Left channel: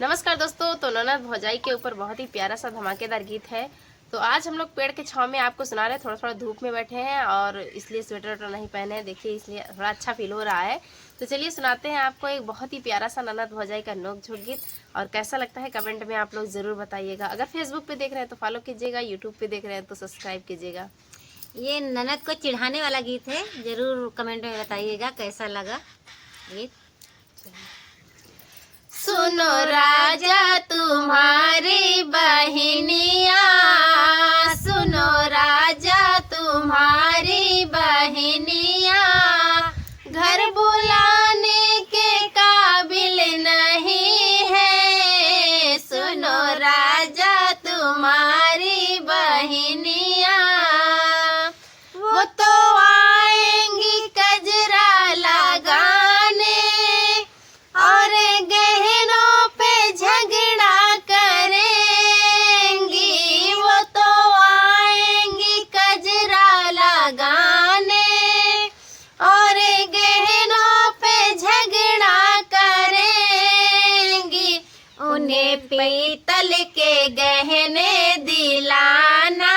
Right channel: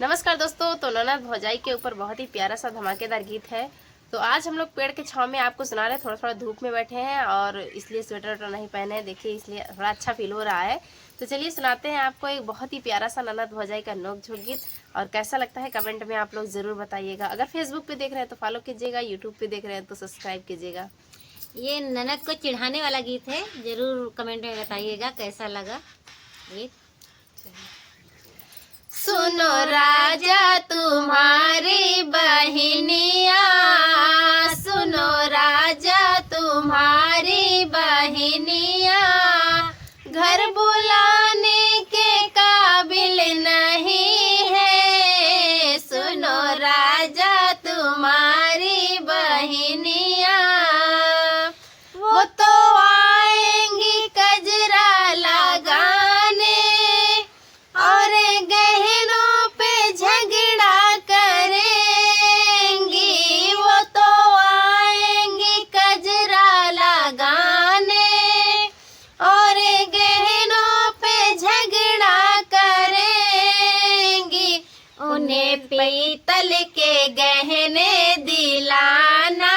नमस्कार दोस्तों। तो ननद भौजाई के ऊपर बहुत ही प्यारा सा धमाकेदार गीत है। तो आज हम लोग पेड़ के छांव में आपको सुना रहे हैं। थोड़ा थोड़ा धूप में बैठे हैं और इसलिए स्वेटर वेटर नहीं पहने हैं, देखिए इसलिए थोड़ा अच्छा फील हो रहा है। तो चलिए सुनाते हैं आपको एक बहुत ही प्यारा सा ननद भौजाई का नोक झोंक गीत। और कैसा लगता है कमेंट में आप लोग जरूर बताइएगा। अगर फेसबुक पे देख रहे हैं तो फॉलो कीजिएगा, यूट्यूब पे देख रहे हैं तो सब्सक्राइब कीजिएगा। ये ननद को चिढ़ाने वाला गीत है, जरूर कमेंट में बताइएगा कैसा लगा गीत। सुनो राजा तुम्हारी बहनिया, सुनो राजा तुम्हारी बहनिया, घर बुलाने के काबिल नहीं है। सुनो राजा तुम्हारी बहनिया, वो तो आएंगी कजरा लगाने और गहनों पे झगड़ा करेंगी। वो तो आएंगी कजरा लगाने और गहनों पे झगड़ा करेंगी। उन्हें पीतल के गहने दिलाना,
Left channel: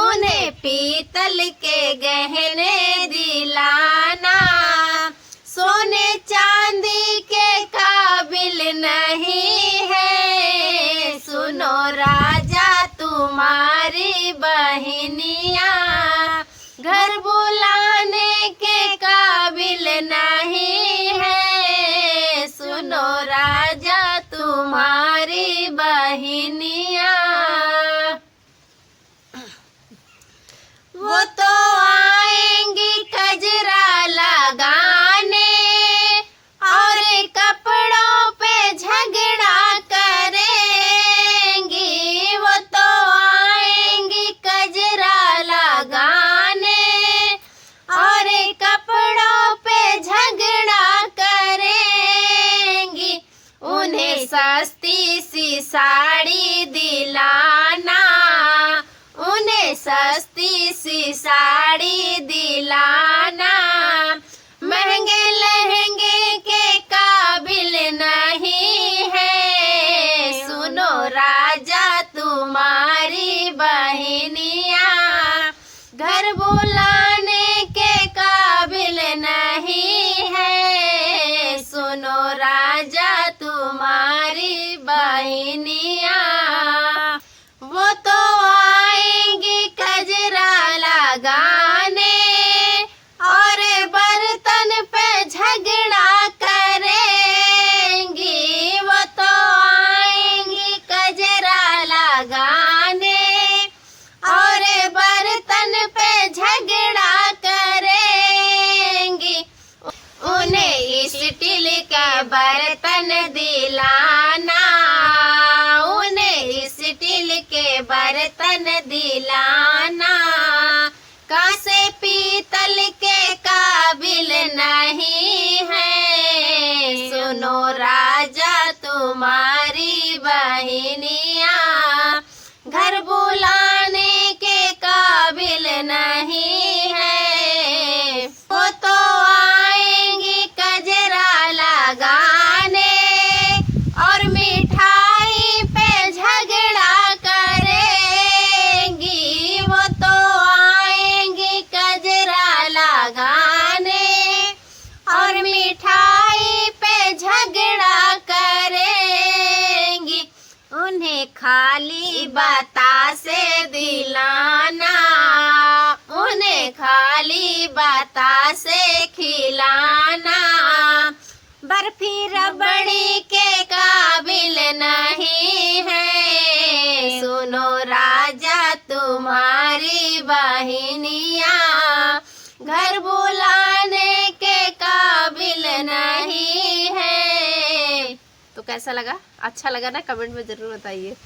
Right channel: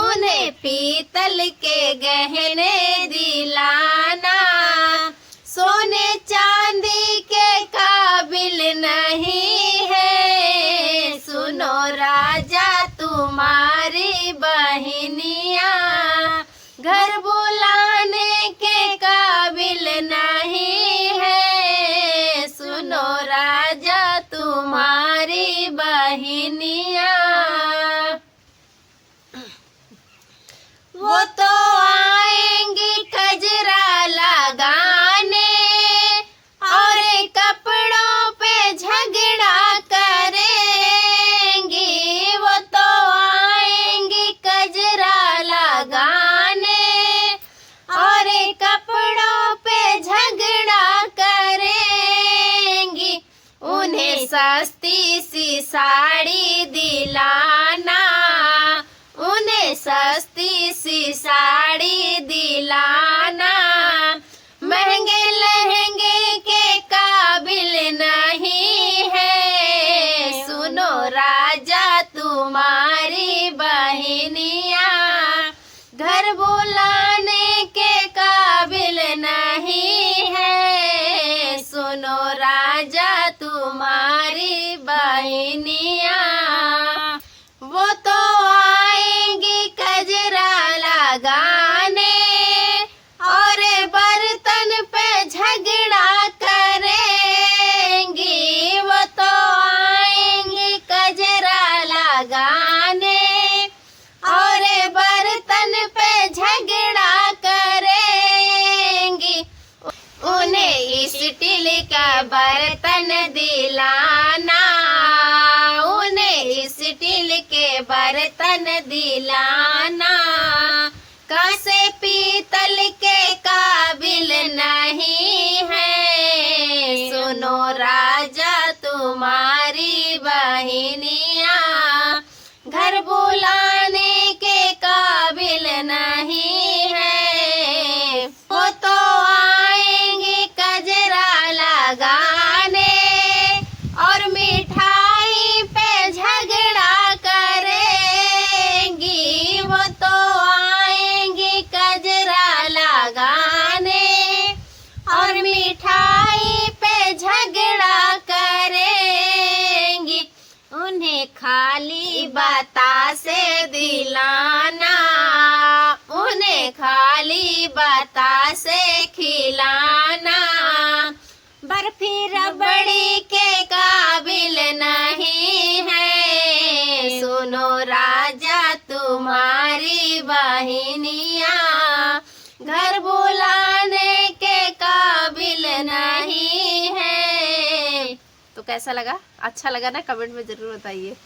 उन्हें पीतल के गहने दिलाना, सोने चांदी के काबिल नहीं है। सुनो राजा तुम्हारी बहनिया, घर बुलाने के काबिल नहीं है। सुनो राजा तुम्हारी बहनिया, वो तो आएंगी कजरा लगाने और कपड़ों पे झगड़ा करेंगी। वो तो आएंगी कजरा लगाने और कपड़ों पे झगड़ा करेंगी। उन्हें सस्ती सी साड़ी दिलाना, उन्हें सस्ती सी साड़ी दिलाना, महंगे लहंगे के काबिल नहीं है। सुनो राजा तुम्हारी बहनिया, घर बुलाने के काबिल नहीं है। सुनो राजा तुम्हारी बहनिया, वो तो आएंगी कजरा लगाने और बर्तन पे झगड़ा करेंगी। वो तो आएंगी कजरा लगाने और बर्तन पे झगड़ा करेंगी। उन्हें स्टील का बर्तन दिलाना, उन्हें स्टील के बर्तन दिलाना, कांसे पीतल के काबिल नहीं है। सुनो राजा तुम्हारी बहनिया, घर बुलाने के काबिल नहीं है। वो तो आएंगी कजरा लगाने और मिठाई पे झगड़ा करेंगी। वो तो आएंगी कजरा लगाने और मिठाई पे झगड़ा करेंगी। उन्हें खाली बतासे दिलाना, उन्हें खाली बतासे खिलाना, बर्फी रबड़ी के काबिल नहीं है। सुनो राजा तुम्हारी बहनिया, घर बुलाने के काबिल नहीं है। तो कैसा लगा? अच्छा लगा ना? कमेंट में जरूर बताइए।